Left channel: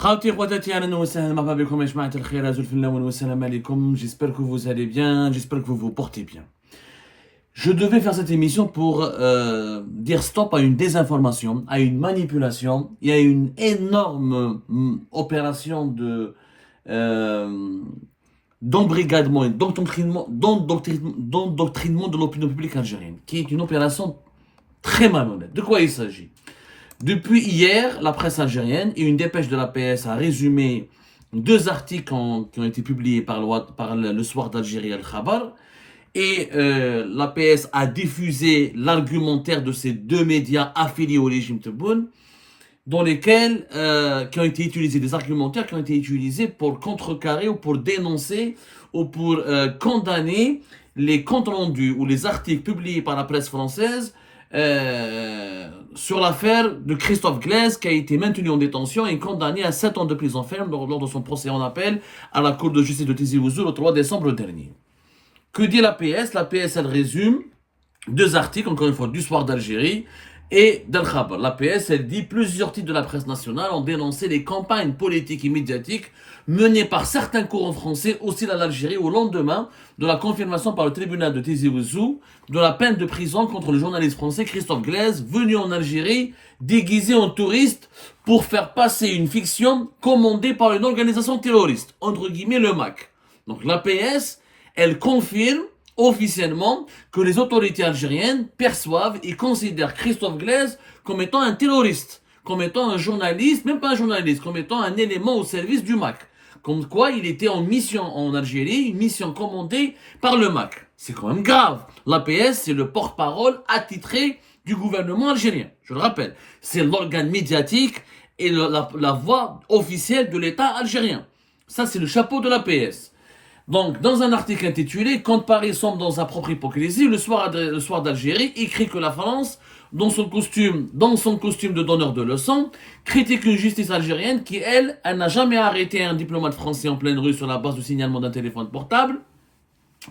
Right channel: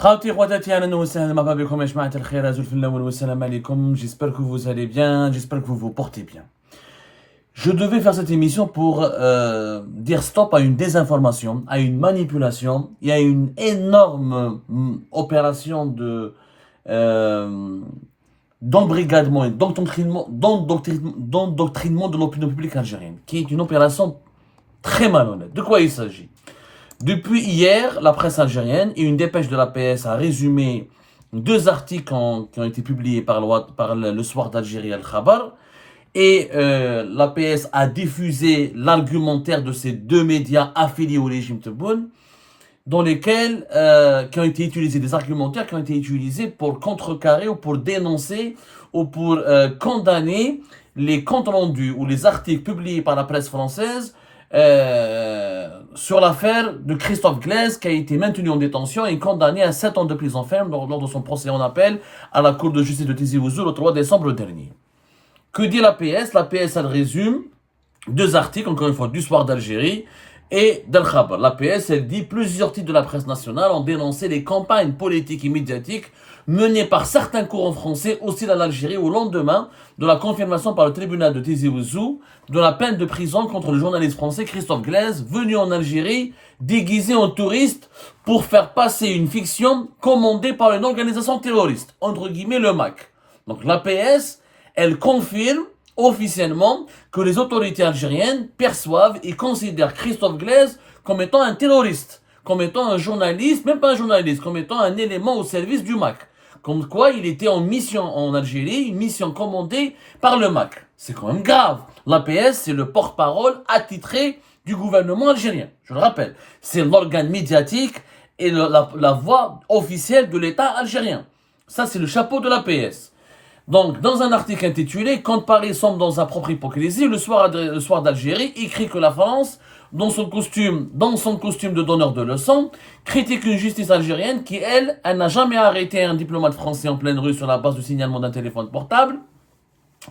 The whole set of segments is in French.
Khawti khwatati ahlan wa sahlan marhaba bikum ya jama'at al-khair azul fillah wa salam alaykum. J'espère que vous allez bien, j'espère que vous vous portez bien. Je devais faire cette émission pour dire stop à une désinformation, à une manipulation. Il y a une énorme opération de d'embrigadement et d'endoctrinement de l'opinion publique algérienne, qui est une opération très malhonnête. De quoi il s'agit? Depuis hier, la presse algérienne et une dépêche de l'APS a résumé deux articles qui ont été publiés par le Soir d'Algérie Al-Khabar. Et l'APS a diffusé l'argumentaire de ces deux médias affiliés au régime Tebboune, dans lesquels qui ont été utilisés, des argumentaires qui ont été utilisés pour contrecarrer ou pour dénoncer ou pour condamner les comptes rendus ou les articles publiés par la presse française sur l'affaire de Christophe Glaise, qui a été maintenu en détention et condamné à 7 ans de prison ferme lors de son procès en appel à la Cour de justice de Tizi Ouzou le 3 décembre dernier. Que dit l'APS? L'APS, elle résume deux articles, encore une fois, du Soir d'Algérie et d'Al-Khabar. L'APS, elle dit plusieurs titres de la presse nationale ont dénoncé les campagnes politiques et médiatiques menées par certains courants français hostiles à l'Algérie au lendemain de la confirmation par le tribunal de Tizi Ouzou de la peine de prison contre le journaliste français Christophe Glaise, venu en Algérie déguisé en touriste pour faire passer une fiction commandée par une organisation terroriste, entre guillemets le MAC. Donc l'APS, elle confirme officiellement que les autorités algériennes perçoivent et considèrent Christophe Glaise comme étant un terroriste, comme étant un journaliste, même pas un journaliste, comme étant un élément au service du MAC. Comme quoi il était en mission en Algérie, une mission commandée par le MAC. C'est quand même grave. L'APS, c'est le porte-parole attitré du gouvernement algérien. Je le rappelle, c'est l'organe médiatique et la voix officielle de l'État algérien. Ça, c'est le chapeau de l'APS. Donc, dans un article intitulé « Quand Paris sombre dans sa propre hypocrisie », le soir d'Algérie écrit que la France, dans son costume de donneur de leçons, critique une justice algérienne qui, elle n'a jamais arrêté un diplomate français en pleine rue sur la base du signalement d'un téléphone portable,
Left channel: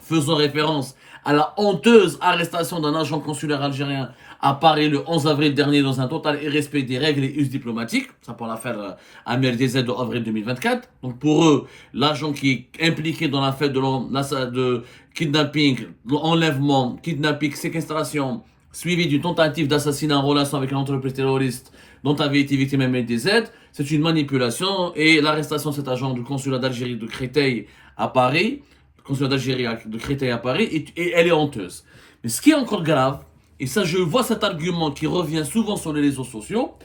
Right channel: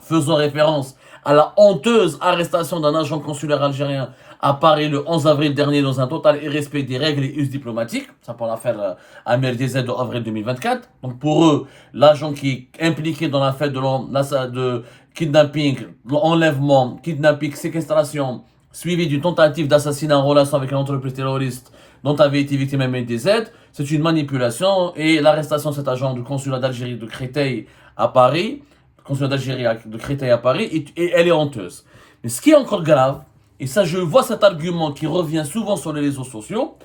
faisant référence à la honteuse arrestation d'un agent consulaire algérien à Paris le 11 avril dernier dans un total irrespect des règles et us diplomatiques. Ça pour l'affaire Amir DZ de avril 2024. Donc pour eux, l'agent qui est impliqué dans l'affaire de kidnapping, enlèvement, kidnapping, séquestration, suivi d'une tentative d'assassinat en relation avec une entreprise terroriste dont avait été victime Amir DZ, c'est une manipulation et l'arrestation de cet agent du consulat d'Algérie de Créteil à Paris, consulat d'Algérie de Créteil à Paris, et elle est honteuse. Mais ce qui est encore grave, et ça je vois cet argument qui revient souvent sur les réseaux sociaux,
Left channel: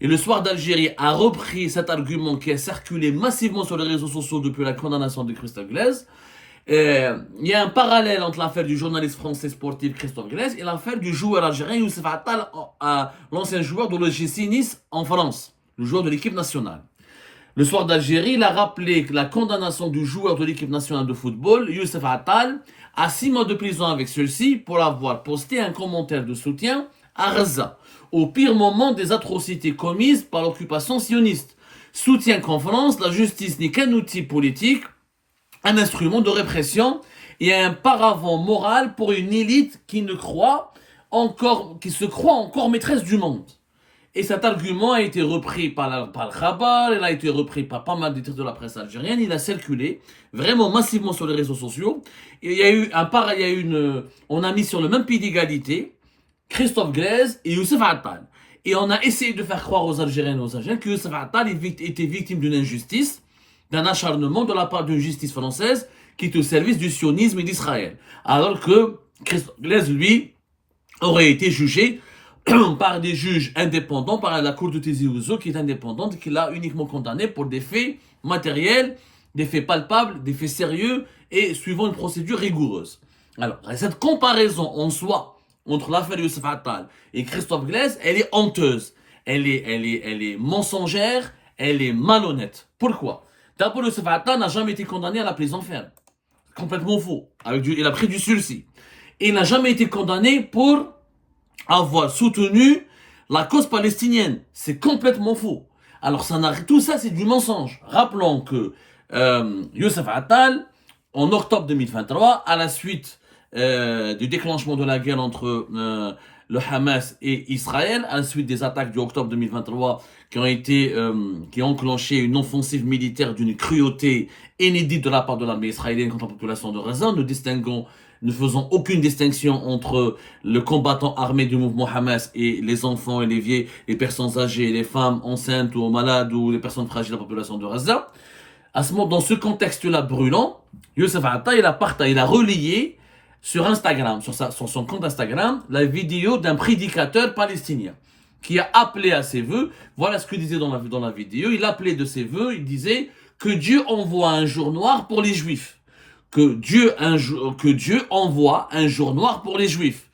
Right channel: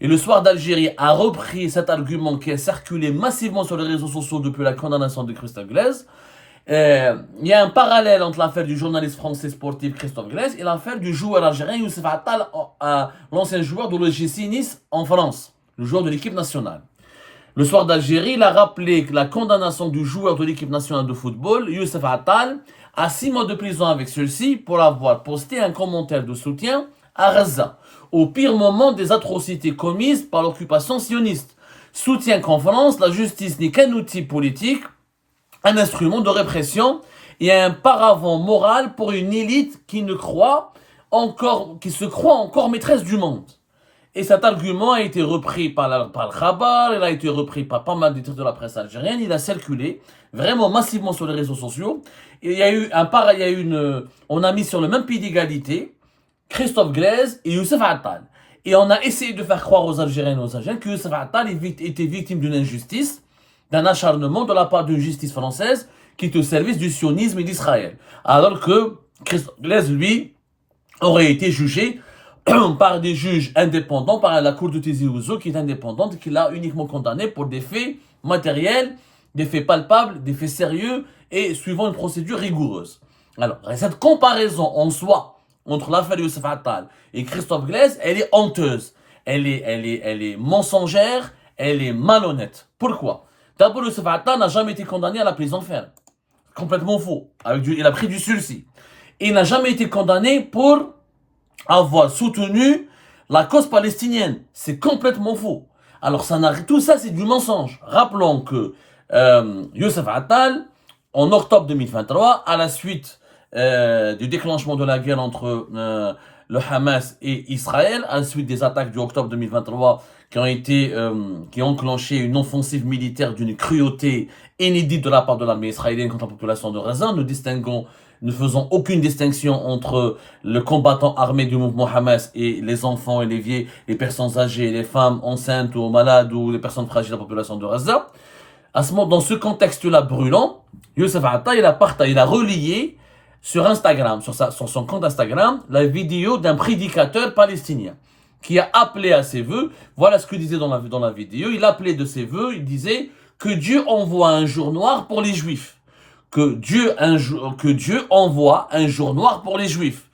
et le Soir d'Algérie a repris cet argument qui a circulé massivement sur les réseaux sociaux depuis la condamnation de Christophe Glaise. Il y a un parallèle entre l'affaire du journaliste français sportif Christophe Glaise et l'affaire du joueur algérien Youssef Attal, l'ancien joueur de l'OGC Nice en France, le joueur de l'équipe nationale. Le Soir d'Algérie, il a rappelé que la condamnation du joueur de l'équipe nationale de football, Youssef Attal, à 6 mois de prison avec celui-ci pour avoir posté un commentaire de soutien à Gaza, au pire moment des atrocités commises par l'occupation sioniste. Soutient qu'en France, la justice n'est qu'un outil politique, un instrument de répression et un paravent moral pour une élite qui se croit encore maîtresse du monde. Et cet argument a été repris par le Khabar, il a été repris par pas mal de titres de la presse algérienne, il a circulé vraiment massivement sur les réseaux sociaux. Et il y a eu on a mis sur le même pied d'égalité Christophe Glaise et Youssef Attal. Et on a essayé de faire croire aux Algériennes et aux Algériens que Youssef Attal était victime d'une injustice, d'un acharnement de la part d'une justice française qui est au service du sionisme et d'Israël. Alors que Christophe Glaise, lui, aurait été jugé par des juges indépendants, par la cour de Tizi Ouzou qui est indépendante, qui l'a uniquement condamné pour des faits matériels, des faits palpables, des faits sérieux et suivant une procédure rigoureuse. Alors, cette comparaison en soi entre l'affaire Youssef Attal et Christophe Glaise, elle est honteuse, elle est mensongère, elle est malhonnête. Pourquoi? D'abord, Youssef Attal n'a jamais été condamné à la prison ferme. Complètement faux. Il a pris du sursis. Et il n'a jamais été condamné pour avoir soutenu la cause palestinienne. C'est complètement faux. Alors tout ça c'est du mensonge. Rappelons que Youssef Attal, en octobre 2023, à la suite du déclenchement de la guerre entre le Hamas et Israël, à la suite des attaques du octobre 2023 qui ont enclenché une offensive militaire d'une cruauté inédite de la part de l'armée israélienne contre la population de Gaza, ne faisant aucune distinction entre le combattant armé du mouvement Hamas et les enfants et les vieilles, les personnes âgées, les femmes enceintes ou malades ou les personnes fragiles de la population de Gaza. Dans ce contexte-là brûlant, Youssef Atta, il a relayé sur Instagram, sur son compte Instagram, la vidéo d'un prédicateur palestinien qui a appelé à ses vœux. Voilà ce qu'il disait dans la vidéo. Il appelait de ses vœux, il disait que Dieu envoie un jour noir pour les Juifs. Que Dieu envoie un jour noir pour les Juifs.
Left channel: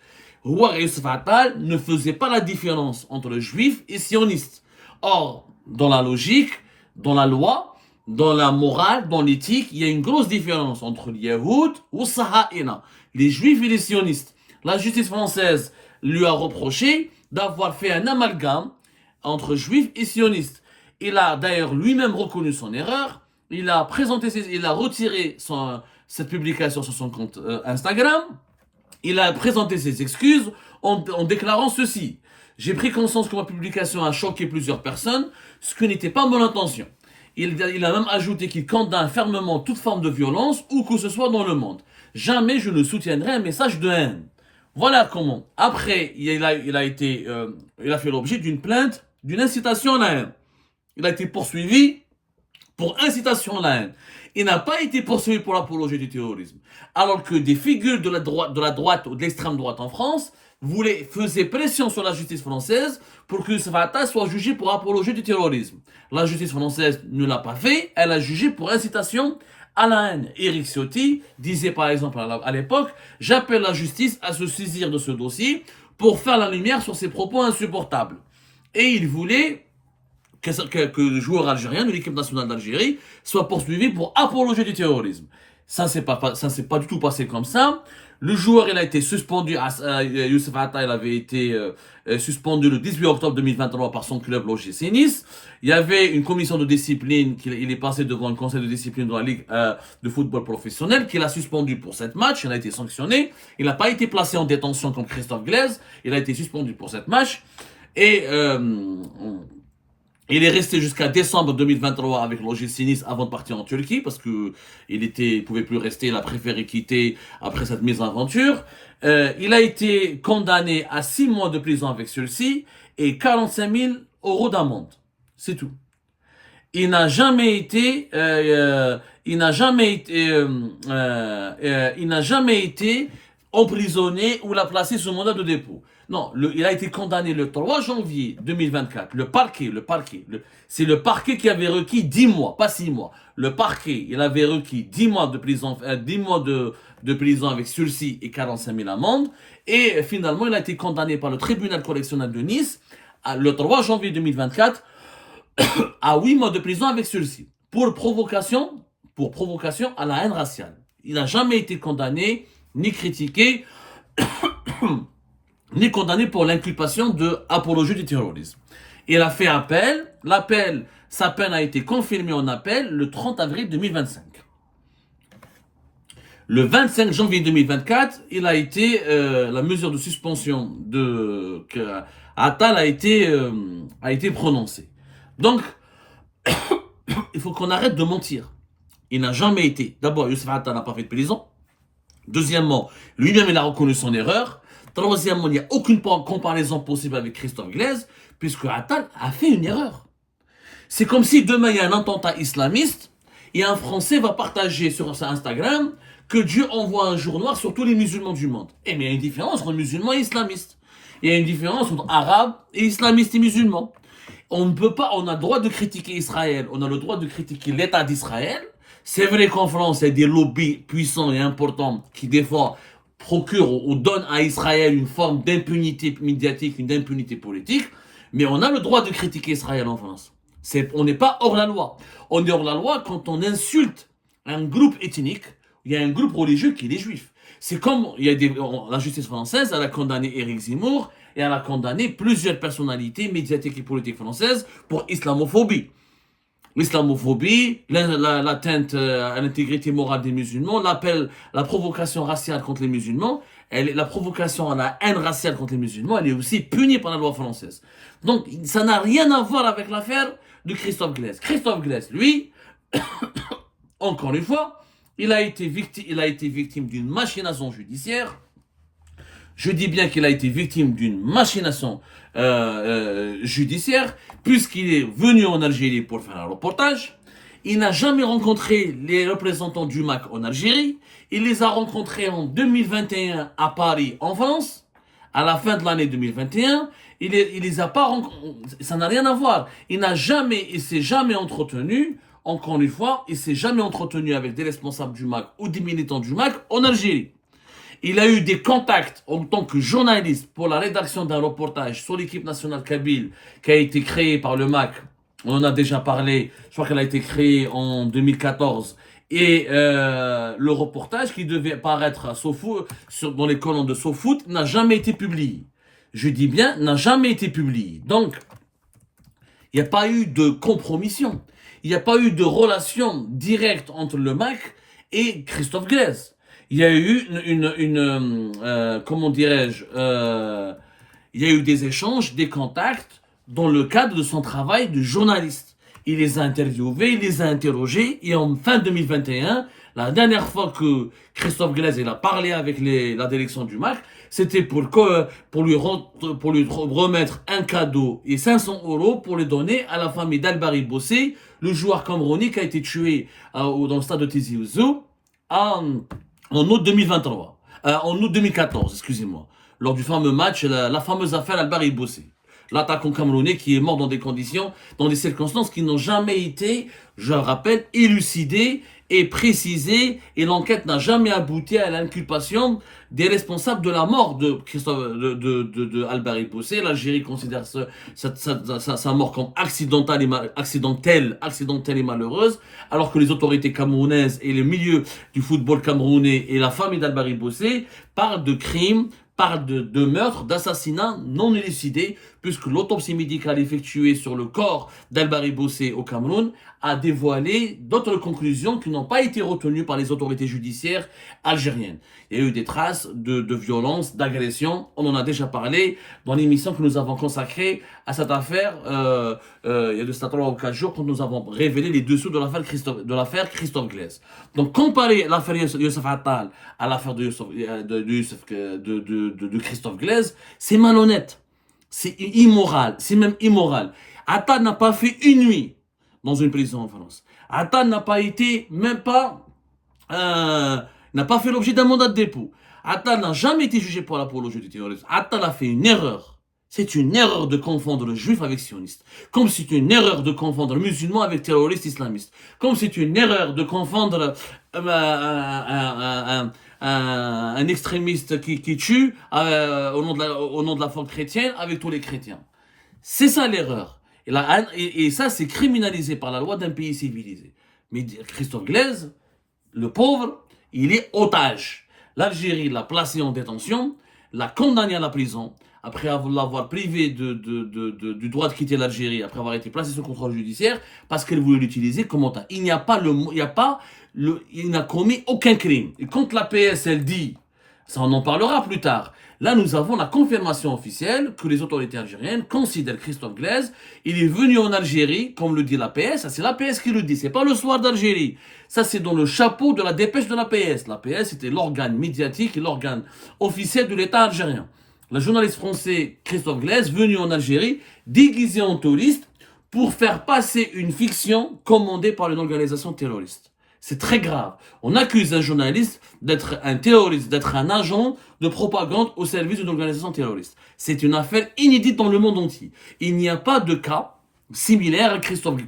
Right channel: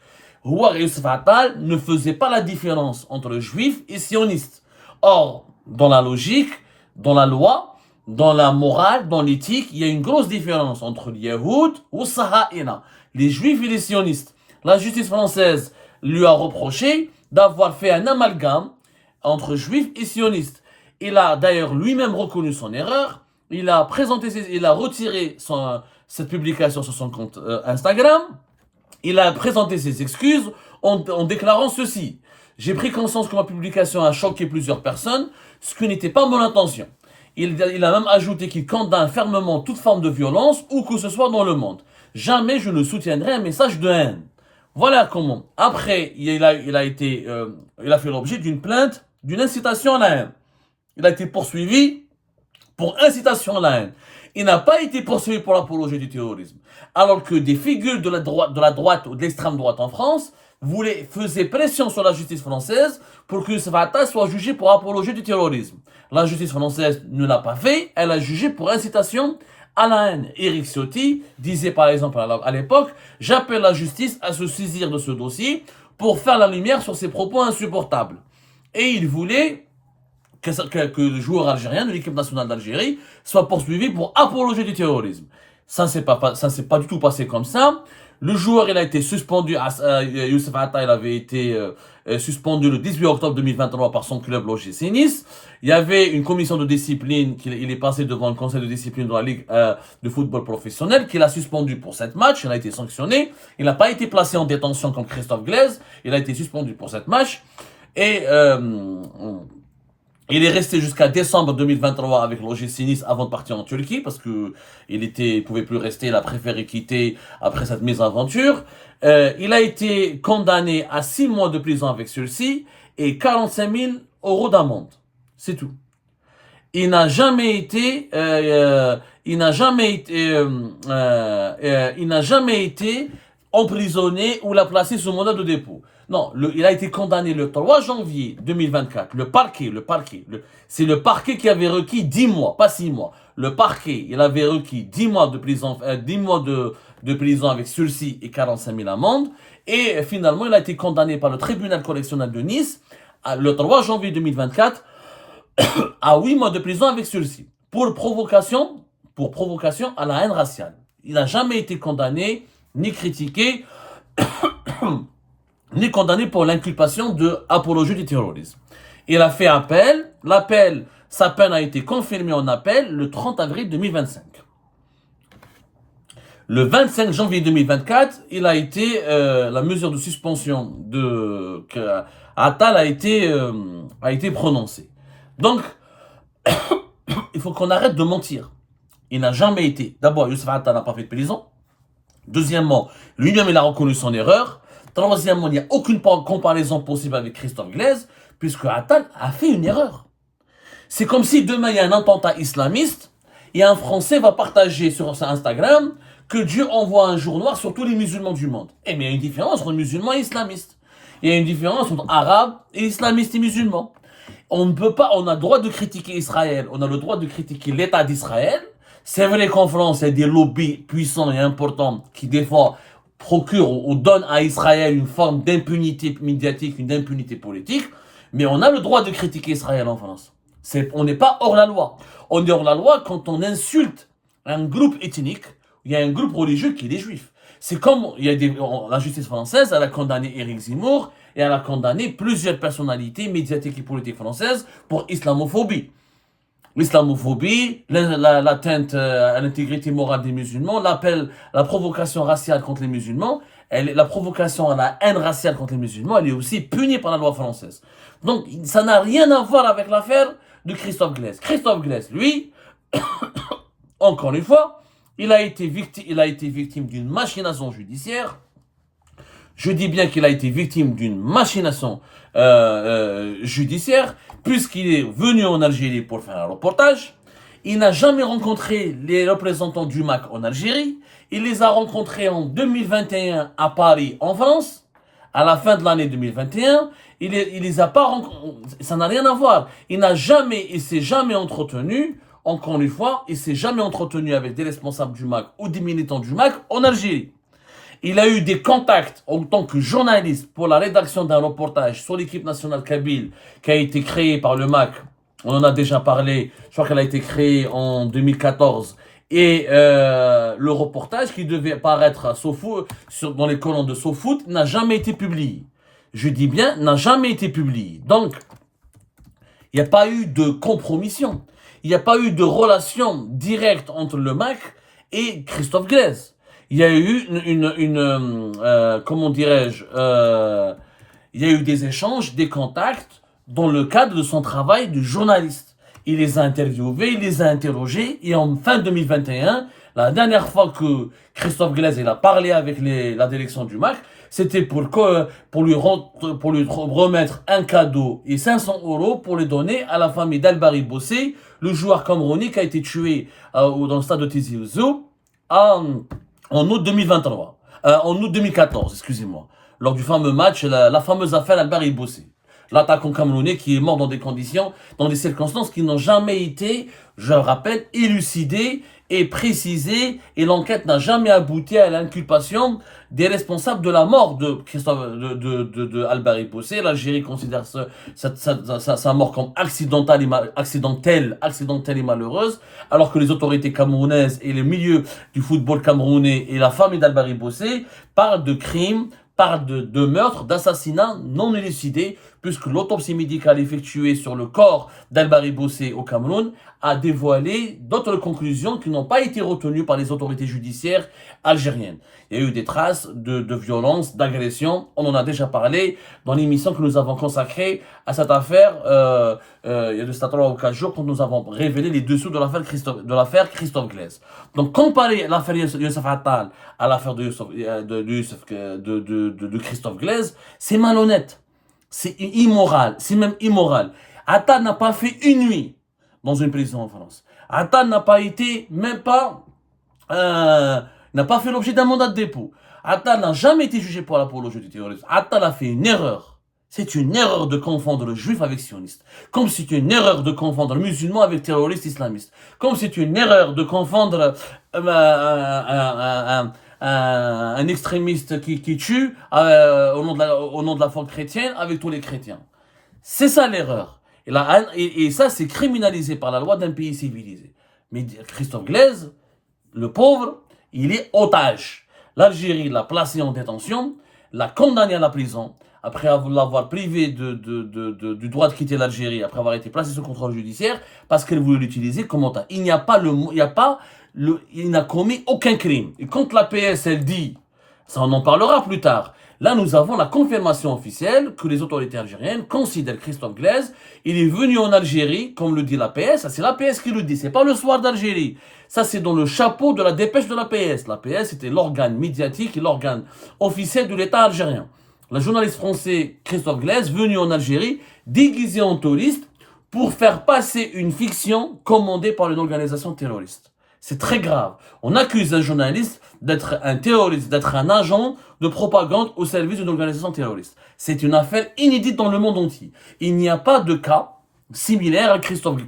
Youssef Atta ne faisait pas la différence entre Juifs et sionistes. Or, dans la logique, dans la loi, dans la morale, dans l'éthique, il y a une grosse différence entre les Yahoud ou Saha'ina, les Juifs et les sionistes. La justice française lui a reproché d'avoir fait un amalgame entre Juifs et sionistes. Il a d'ailleurs lui-même reconnu son erreur. Il a retiré cette publication sur son compte Instagram. Il a présenté ses excuses en déclarant ceci. J'ai pris conscience que ma publication a choqué plusieurs personnes, ce qui n'était pas mon intention. Il a même ajouté qu'il condamne fermement toute forme de violence, où que ce soit dans le monde. Jamais je ne soutiendrai un message de haine. Voilà comment. Après, il a fait l'objet d'une plainte, d'une incitation à la haine. Il a été poursuivi pour incitation à la haine. Il n'a pas été poursuivi pour l'apologie du terrorisme. Alors que des figures de la droite ou de l'extrême droite en France faisaient pression sur la justice française pour que Youssef Atta soit jugé pour apologie du terrorisme. La justice française ne l'a pas fait, elle a jugé pour incitation à la haine. Éric Ciotti disait par exemple à l'époque « J'appelle la justice à se saisir de ce dossier pour faire la lumière sur ses propos insupportables. » Et il voulait que le joueur algérien de l'équipe nationale d'Algérie soit poursuivi pour apologie du terrorisme. Ça s'est pas du tout passé comme ça. Le joueur, il a été suspendu, Youssef Atta, il avait été suspendu le 18 octobre 2023 par son club l'OGC Nice. Il y avait une commission de discipline, il est passé devant le conseil de discipline de la Ligue de football professionnel, qui l'a suspendu pour 7 matchs, il a été sanctionné. Il n'a pas été placé en détention comme Christophe Glaise, il a été suspendu pour 7 matchs. Et il est resté jusqu'à décembre 2023 avec l'OGC Nice avant de partir en Turquie parce que pouvait plus rester, il a préféré quitter après cette mésaventure. Il a été condamné à 6 mois de prison avec sursis et 45 000 € d'amende. C'est tout. Il n'a jamais été emprisonné ou l'a placé sous mandat de dépôt. Non, il a été condamné le 3 janvier 2024. C'est le parquet qui avait requis 10 mois, pas 6 mois. Le parquet, il avait requis 10 mois de prison, 10 mois de prison avec sursis et 45 000 amendes. Et finalement, il a été condamné par le tribunal correctionnel de Nice le 3 janvier 2024 à 8 mois de prison avec sursis pour provocation à la haine raciale. Il n'a jamais été condamné, ni critiqué, ni condamné pour l'inculpation de apologie du terrorisme. Il a fait appel. Sa peine a été confirmée en appel le 30 avril 2025. Le 25 janvier 2024, la mesure de suspension de Attal a été prononcée. Donc, il faut qu'on arrête de mentir. Il n'a jamais été. D'abord, Youssef Atta n'a pas fait de prison. Deuxièmement, lui-même, il a reconnu son erreur. Troisièmement, il n'y a aucune comparaison possible avec Christophe Glaise, puisque Attal a fait une erreur. C'est comme si demain, il y a un attentat islamiste, et un Français va partager sur sa Instagram que Dieu envoie un jour noir sur tous les musulmans du monde. Mais il y a une différence entre musulmans et islamistes. Il y a une différence entre arabes et islamistes et musulmans. On a le droit de critiquer Israël, on a le droit de critiquer l'État d'Israël. C'est vrai qu'en France, il y a des lobbies puissants et importants qui, des fois, procurent ou donnent à Israël une forme d'impunité médiatique, une impunité politique. Mais on a le droit de critiquer Israël en France. On n'est pas hors la loi. On est hors la loi quand on insulte un groupe ethnique, il y a un groupe religieux qui est les Juifs. C'est comme la justice française, elle a condamné Éric Zemmour et elle a condamné plusieurs personnalités médiatiques et politiques françaises pour islamophobie. l'islamophobie, l'atteinte à l'intégrité morale des musulmans, la provocation raciale contre les musulmans, la provocation à la haine raciale contre les musulmans, elle est aussi punie par la loi française. Donc, ça n'a rien à voir avec l'affaire de Christophe Glaise. Christophe Glaise, lui, encore une fois, il a été victime d'une machination judiciaire. Je dis bien qu'il a été victime d'une machination judiciaire, puisqu'il est venu en Algérie pour faire un reportage. Il n'a jamais rencontré les représentants du MAC en Algérie. Il les a rencontrés en 2021 à Paris, en France, à la fin de l'année 2021. Il les a pas rencontrés. Ça n'a rien à voir. Il s'est jamais entretenu. Encore une fois, il s'est jamais entretenu avec des responsables du MAC ou des militants du MAC en Algérie. Il a eu des contacts en tant que journaliste pour la rédaction d'un reportage sur l'équipe nationale kabyle qui a été créée par le MAC. On en a déjà parlé. Je crois qu'elle a été créée en 2014. Et le reportage qui devait paraître dans les colonnes de SoFoot n'a jamais été publié. Je dis bien, n'a jamais été publié. Donc, il n'y a pas eu de compromission. Il n'y a pas eu de relation directe entre le MAC et Christophe Glaise. Il y a eu comment dirais-je, il y a eu des échanges, des contacts dans le cadre de son travail de journaliste. Il les a interviewés, il les a interrogés et en fin 2021, la dernière fois que Christophe Glaise a parlé avec la direction du MAC, c'était pour lui remettre un cadeau et 500 € pour les donner à la famille d'Albari Bossé, le joueur camerounais qui a été tué dans le stade de Tizi Ouzou en août 2023, en août 2014, excusez-moi, lors du fameux match, la fameuse affaire Albari Bossé. L'attaquant camerounais qui est mort dans des circonstances qui n'ont jamais été, je le rappelle, élucidées et précisées, et l'enquête n'a jamais abouti à l'inculpation des responsables de la mort de Albari Bossé. L'Algérie considère sa mort comme accidentelle et malheureuse, alors que les autorités camerounaises et le milieu du football camerounais et la famille d'Albari Bossé parlent de crimes, parle de meurtre, d'assassinat non élucidé, puisque l'autopsie médicale effectuée sur le corps d'Albari Bossé au Cameroun a dévoilé d'autres conclusions qui n'ont pas été retenues par les autorités judiciaires algériennes. Il y a eu des traces de violence, d'agression. On en a déjà parlé dans l'émission que nous avons consacrée à cette affaire. Il y a de ça 3 ou 4 jours quand nous avons révélé les dessous de l'affaire Christophe Glaise. Donc comparer l'affaire Youssef Attal à l'affaire de Christophe Glaise, c'est malhonnête. C'est immoral. C'est même immoral. Attal n'a pas fait une nuit dans une prison en France. Attal n'a pas été, n'a pas fait l'objet d'un mandat de dépôt. Attal n'a jamais été jugé pour l'apologie du terrorisme. Attal a fait une erreur. C'est une erreur de confondre le juif avec sioniste. Comme c'est une erreur de confondre le musulman avec terroriste islamiste. Comme c'est une erreur de confondre un extrémiste qui tue au nom de la foi chrétienne avec tous les chrétiens. C'est ça l'erreur. Et ça, c'est criminalisé par la loi d'un pays civilisé. Mais Christophe Glaise, le pauvre, il est otage. L'Algérie l'a placé en détention, l'a condamné à la prison, après l'avoir privé du droit de quitter l'Algérie, après avoir été placé sous contrôle judiciaire, parce qu'elle voulait l'utiliser comme otage. Il n'a commis aucun crime. Et quand la PS, elle dit, ça on en parlera plus tard, là nous avons la confirmation officielle que les autorités algériennes considèrent Christophe Glaise, il est venu en Algérie, comme le dit la PS, ça c'est la PS qui le dit, c'est pas le soir d'Algérie. Ça, c'est dans le chapeau de la dépêche de la PS. La PS, c'était l'organe médiatique et l'organe officiel de l'État algérien. Le journaliste français Christophe Glaise, venu en Algérie, déguisé en touriste, pour faire passer une fiction commandée par une organisation terroriste. C'est très grave. On accuse un journaliste d'être un terroriste, d'être un agent de propagande au service d'une organisation terroriste. C'est une affaire inédite dans le monde entier. Il n'y a pas de cas similaire à Christophe,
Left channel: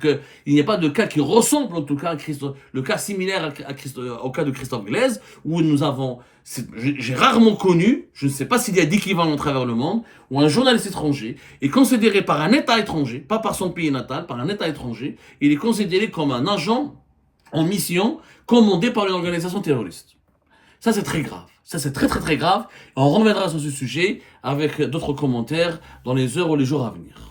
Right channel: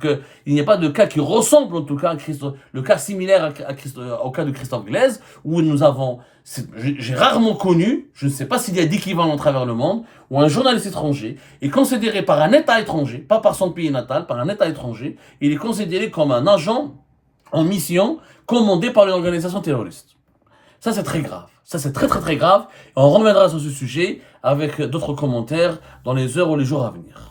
il n'y a pas de cas qui ressemble en tout cas à Christophe, le cas similaire au cas de Christophe Glaise, où j'ai rarement connu, je ne sais pas s'il y a d'équivalent à travers le monde, où un journaliste étranger est considéré par un État étranger, pas par son pays natal, par un État étranger, il est considéré comme un agent en mission commandé par une organisation terroriste. Ça c'est très grave, ça c'est très très très grave, on reviendra sur ce sujet avec d'autres commentaires dans les heures ou les jours à venir.